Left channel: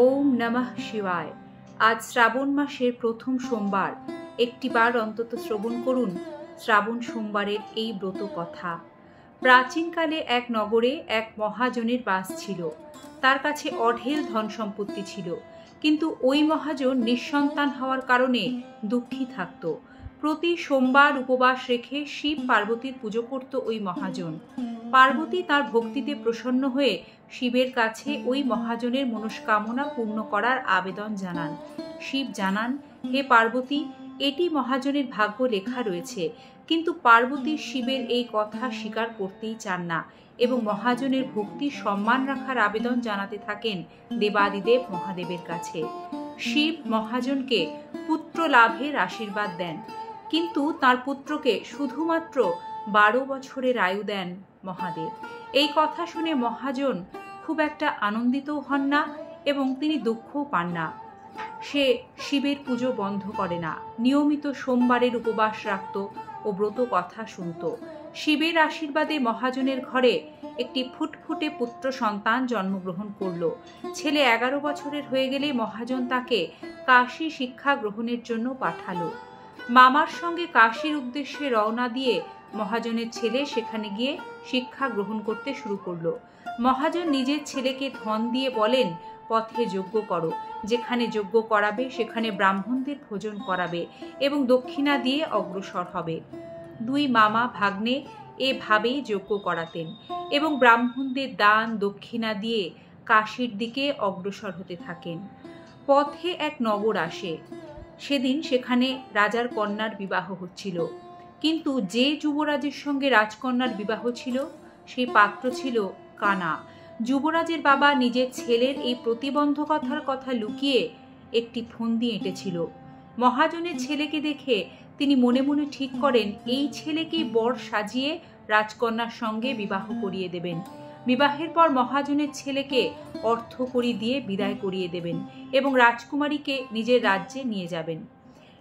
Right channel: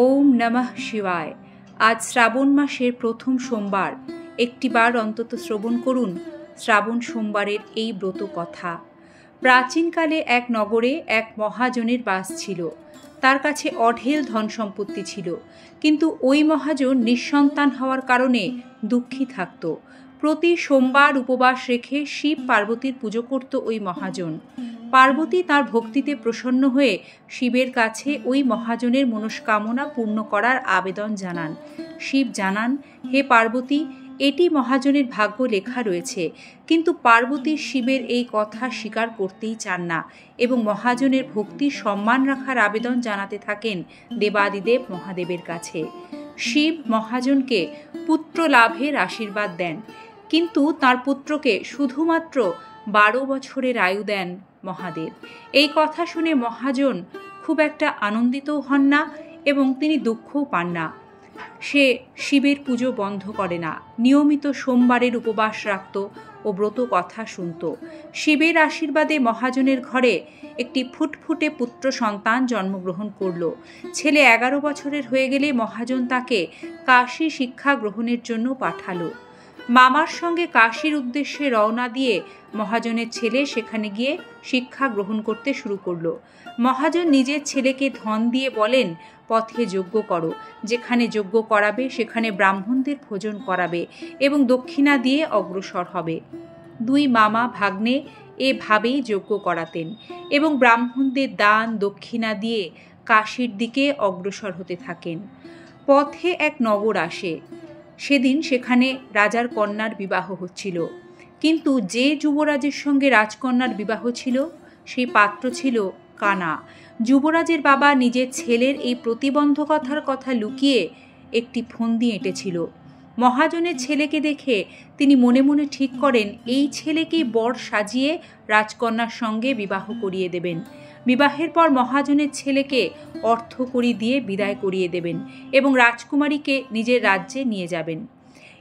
ওম নমঃ শিবায়। আজ শ্রাবণ মাসের প্রথম সোমবার। একটিবার অন্তত শ্রবণ করুন শ্রাবণ সোমবারের এই ব্রত কথা। প্রাচীনকালে এক নগরে এক মহাজনের বাস ছিল। তার কাছে অঢেল ধন সম্পত্তি ছিল, কিন্তু ওই মহাজন নিঃসন্তান হওয়ার কারণে দুঃখী থাকত। প্রতি সোমবার উপবাস রেখে শিব পার্বতীর পুজো করত ওই মহাজন। পার্বতী তার ভক্তিতে প্রসন্ন হয়ে শিবের কাছে ওই মহাজনের মনস্কামনা পূর্ণ করার আবেদন জানান। শিব জানান, হে পার্বতী, এটি মহাজনের ভাগ্য লেখা রয়েছে। কিন্তু পার্বতী শিবের এই কথা স্বীকার করতেই চান না এবং মহাজনের ভক্তি সম্মান রাখার আবেদন জানাতে থাকেন দেবাদিদেব মহাদেবের কাছে। শিব মহাজনকে পুত্র লাভের আশীর্বাদ দেন, কিন্তু তার পুত্রকে শুধুমাত্র 12 বছরের আয়ু দেন মহাদেব। এই কথা শুনে মহাজন খুব একটা আনন্দিতও হন না এবং তিনি দুঃখও পান না। সে শিবের পুজো বন্ধ করে না, নিয়মিত সোমবারের উপবাস রাখত ও ব্রত কথা শুনত। শিবের আশীর্বাদে মহাজনের ঘরে একটি ফুটফুটে পুত্র সন্তান জন্মগ্রহণ করল। ছেলে 11 বছরের হয়ে গেলে মহাজন তাকে কাশী শিক্ষা গ্রহণের জন্য পাঠালো। মামার সঙ্গে কাশীর উদ্দেশ্যে রওনা দিয়ে মহাজনের ছেলে সেখানে গিয়ে শিক্ষা গ্রহণ করতে শুরু করলো। মহাজন নিজের ছেলেকে ধন দিয়ে বলেন, পথে যজ্ঞ করো, যেখানে যজ্ঞ করাবে সেখানে ব্রাহ্মণদের ভোজন করাবে এবং দক্ষিণা দিয়ে অগ্রসর হবে। দুই মামা ভাগ্নে এভাবেই যজ্ঞ করাতেন এবং ব্রাহ্মণদের দান দক্ষিণা দিয়ে কাশীর দিকে অগ্রসর হতে থাকেন। পথে এক নগর আসে। সেদিন সেখানে রাজার কন্যার বিবাহ হচ্ছিল, কিন্তু যে যুবরাজের সঙ্গে রাজকন্যার বিবাহ ছিল সেই পাত্র ছিল কানা। যুবরাজের বাবা নিজের ছেলের এই প্রতিবন্ধকতার কথা লুকিয়ে একটি ফন্দি এঁটেছিল। মহাজনের ছেলেকে দেখে তিনি মনে মনে ঠিক করেন এই ছেলেকেই বর সাজিয়ে রাজকন্যার সঙ্গে বিবাহ করিয়ে দেবেন। বিবাহের পর মহাজনের ছেলেকে অর্থকড়ি দিয়ে বিদায় করিয়ে দেবেন এবং রাজকুমারীকে নিজের রাজ্যে নিয়ে যাবেন।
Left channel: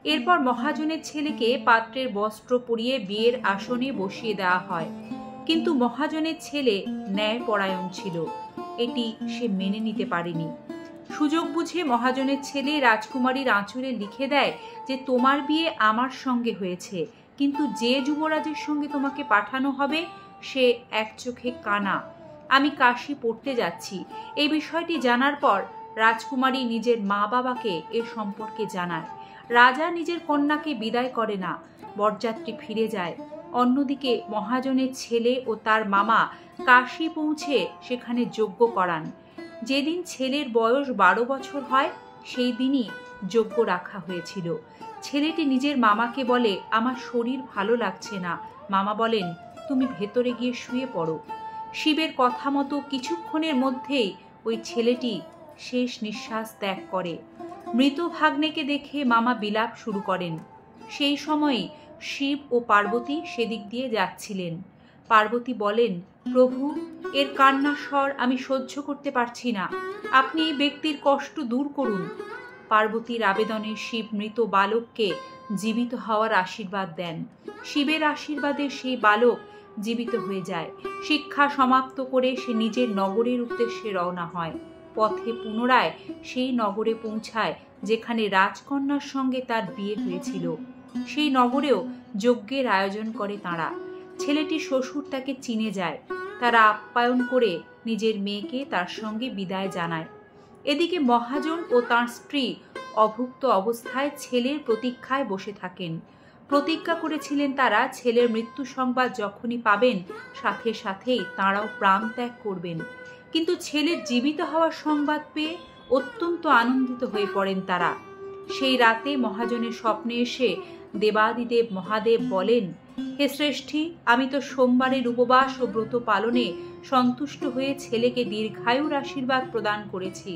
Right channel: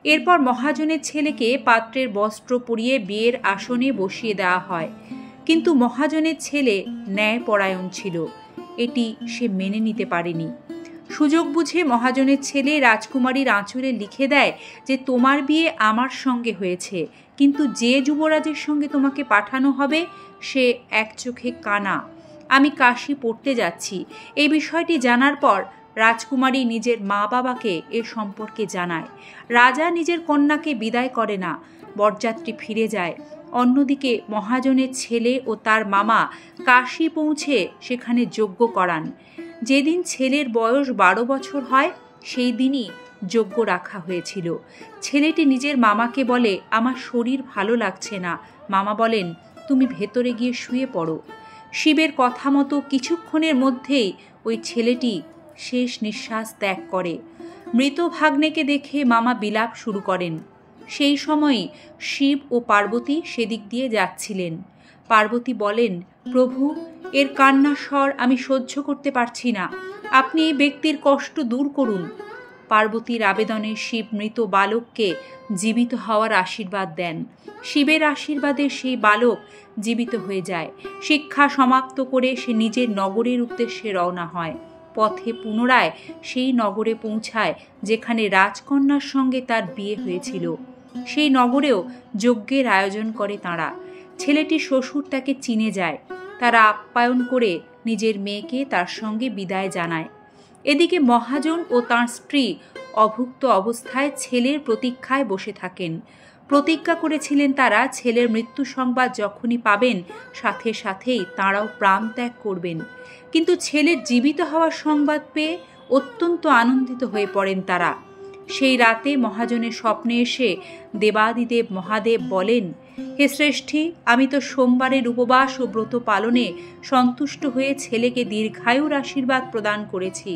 এরপর মহাজনের ছেলেকে পাত্রের বস্ত্র পরিয়ে বিয়ের আসনে বসিয়ে দেওয়া হয়, কিন্তু মহাজনের ছেলে ন্যায়পরায়ণ ছিল। এটি সে মেনে নিতে পারেনি। সুযোগ বুঝে মহাজনের ছেলে রাজকুমারীর আঁচলে লিখে দেয় যে তোমার বিয়ে আমার সঙ্গে হয়েছে, কিন্তু যে যুবরাজের সঙ্গে তোমাকে পাঠানো হবে সে এক চোখে কানা। আমি কাশী পড়তে যাচ্ছি। এই বিষয়টি জানার পর রাজকুমারী নিজের মা বাবাকে এ সম্পর্কে জানায়। রাজা নিজের কন্যাকে বিদায় করে না, বরযাত্রী ফিরে যায়। অন্যদিকে মহাজনের ছেলে ও তার মামা কাশী পৌঁছে সেখানে যজ্ঞ করান। যেদিন ছেলের বয়স 12 বছর হয় সেই দিনই যজ্ঞ রাখা হয়েছিল। ছেলেটি নিজের মামাকে বলে, আমার শরীর ভালো লাগছে না। মামা বলেন, তুমি ভেতরে গিয়ে শুয়ে পড়ো। শিবের কথা মতো কিছুক্ষণের মধ্যেই ওই ছেলেটি শেষ নিঃশ্বাস ত্যাগ করে। মৃত ভাগ্নেকে দেখে মামা বিলাপ শুরু করেন। সেই সময়ই শিব ও পার্বতী সেদিক দিয়ে যাচ্ছিলেন। পার্বতী বলেন, প্রভু, এর কান্নার স্বর আমি সহ্য করতে পারছি না, আপনি এই ব্যক্তির কষ্ট দূর করুন। পার্বতীর আবেদনে শিব মৃত বালককে জীবিত হওয়ার আশীর্বাদ দেন। শিবের আশীর্বাদে সেই বালক জীবিত হয়ে যায়। শিক্ষা সমাপ্ত করে সে নিজের নগরের উদ্দেশ্যে রওনা হয়। পথে পুনরায় সেই নগরে পৌঁছায় যেখানে রাজকন্যার সঙ্গে তার বিয়ে হয়েছিল। সেই নগরেও যজ্ঞের আয়োজন করে তাঁরা। ছেলেটির শ্বশুর তাকে চিনে যায়। তারা আপ্যায়ন করে নিজের মেয়েকে তার সঙ্গে বিদায় জানায়। এদিকে মহাজন ও তাঁর স্ত্রী অভুক্ত অবস্থায় ছেলের প্রতীক্ষায় বসে থাকেন। প্রতিজ্ঞা করেছিলেন তারা ছেলের মৃত্যু সংবাদ যখনই পাবেন সাথে সাথেই তাঁরাও প্রাণ ত্যাগ করবেন। কিন্তু ছেলের জীবিত হওয়ার সংবাদ পেয়ে অত্যন্ত আনন্দিত হয়ে পড়েন তারা। সেই রাতে মহাজনের স্বপ্নে এসে দেবাদিদেব মহাদেব বলেন, হে শ্রেষ্ঠী, আমি তো সোমবারের উপবাস ও ব্রত পালনে সন্তুষ্ট হয়ে ছেলেকে দীর্ঘায়ুর আশীর্বাদ প্রদান করেছি।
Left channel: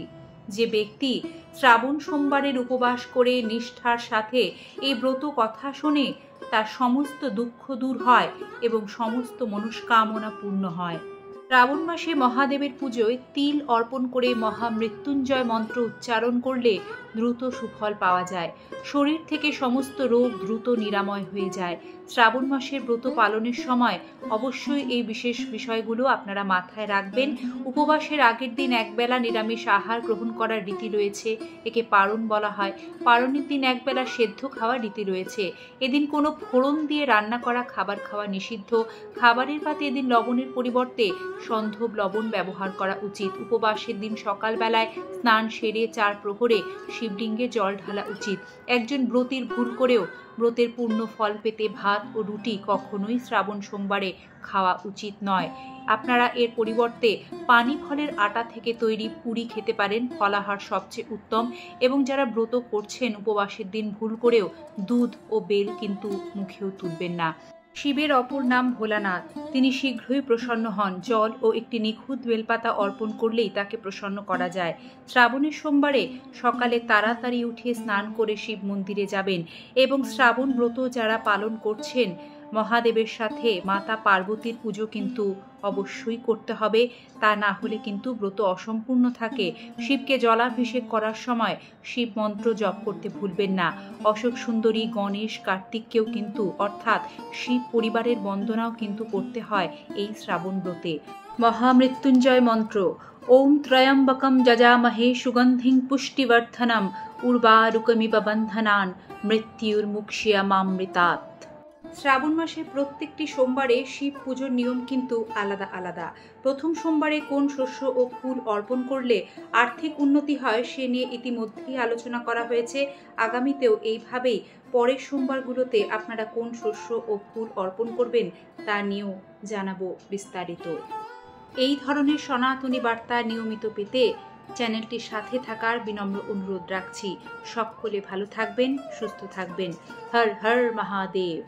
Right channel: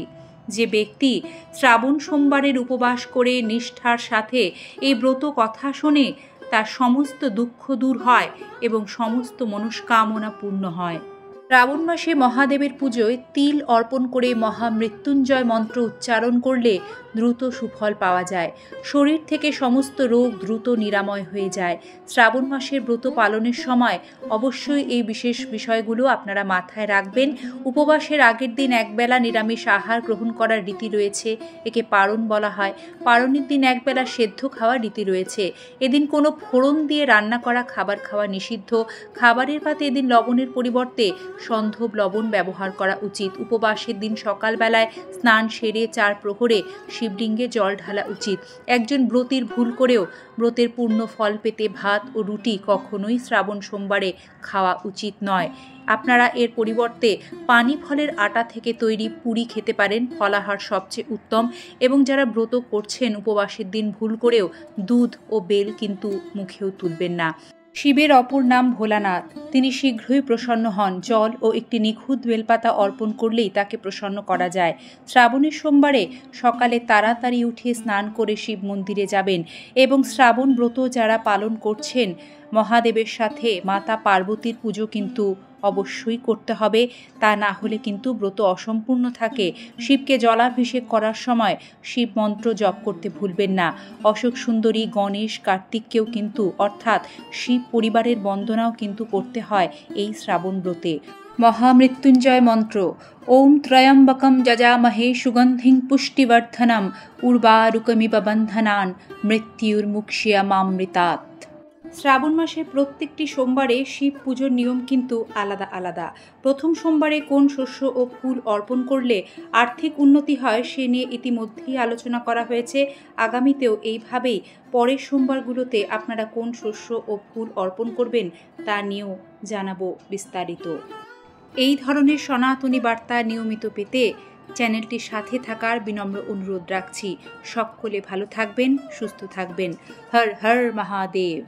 যে ব্যক্তি শ্রাবণ সোমবারের উপবাস করে নিষ্ঠার সাথে এই ব্রত কথা শোনে তার সমস্ত দুঃখ দূর হয় এবং সমস্ত মনস্কামনা পূর্ণ হয়। শ্রাবণ মাসে মহাদেবের পুজোয় তিল অর্পণ করে মহামৃত্যুঞ্জয় মন্ত্র উচ্চারণ করলে দ্রুত সুফল পাওয়া যায়। শরীর থেকে সমস্ত রোগ দ্রুত নিরাময় হয়ে যায়। শ্রাবণ মাসের ব্রত পালনের সময় অবশ্যই এই বিশেষ বিষয়গুলো আপনারা মাথায় রাখবেন। উপবাসের আগের দিন একবেলা নিরামিষ আহার গ্রহণ করার রীতি রয়েছে, একে পারণ বলা হয়। পারণের দিন একবেলা সেদ্ধ খাওয়ার রীতি রয়েছে। এদিন কোনো ফোড়ন দিয়ে রান্না করা খাবার খাওয়া নিষিদ্ধ। খাবারের পাতে এদিন লবণের পরিবর্তে সন্ধব লবণ ব্যবহার করা উচিত। উপবাসের দিন সকালবেলায় স্নান সেরে 4 প্রহরে শিবলিঙ্গে জল ঢালা উচিত। একজন ব্রতীর ভুল করেও ব্রতের পূর্ণ ফল পেতে ভাত ও রুটি কখনোই শ্রাবণ সোমবারে খাওয়া উচিত নয়। আপনারা এর পরিবর্তে পানি ফলের আটা থেকে তৈরি পুরি খেতে পারেন, ফলাহার সবচেয়ে উত্তম। এবং যারা ব্রত করছেন উপবাসের দিন ভুল করেও দুধ ও বেল কিন্তু মুখেও তুলবেন না। শিবের অপর নাম ভোলানাথ। তিনি শীঘ্রই প্রসন্ন হন। জল ও একটি নিখুঁত বেলপাতা অর্পণ করলেই তাকে প্রসন্ন করা যায়। শ্রাবণের সোমবারে সকালে তাড়াতাড়ি উঠে স্নান করে শিব মন্দিরে যাবেন এবং শ্রাবণ ব্রত যারা পালন করছেন মহাদেবের সাথে মাতা পার্বতীর পুজো কিন্তু অবশ্যই করতে হবে। তা না হলে কিন্তু ব্রত অসম্পূর্ণ থাকে। শিবকে জলাভিষেক করার সময় শিব মন্ত্র জপ করতে ভুলবেন না। অশোক সুন্দরী, গণেশ, কার্তিককেও কিন্তু অর্থাৎ শিব পরিবারের বন্দনাও কিন্তু করতে হয় এই শ্রাবণ ব্রতে। মহামৃত্যুঞ্জয় মন্ত্র ওম ত্রয়ম্বকম যজামহে সুগন্ধিং পুষ্টিবর্ধনম উর্বারুকমিব বন্ধনান মৃত্যুর্মুক্ষীয়মামৃতাৎ। শ্রাবণ মাসের প্রত্যেকটি সোমবারে শিব পুজোর নিয়ম কিন্তু আলাদা আলাদা। প্রথম সোমবারে কোন শস্য ও ফুল অর্পণ করলে আর্থিক উন্নতি হয় সে নিয়ে ইতিমধ্যেই আলোচনা করা হয়েছে। আগামীতেও এইভাবেই পরের সোমবারগুলোতে আপনারা কোন শস্য ও ফুল অর্পণ করবেন তা নিয়েও জানাবো বিস্তারিত। এই ধরনের সনাতনী বার্তা নিয়মিত পেতে চ্যানেলটির সাথে থাকার বিনম্র অনুরোধ রাখছি। সকলে ভালো থাকবেন, সুস্থ থাকবেন। হর হর মহাদেব।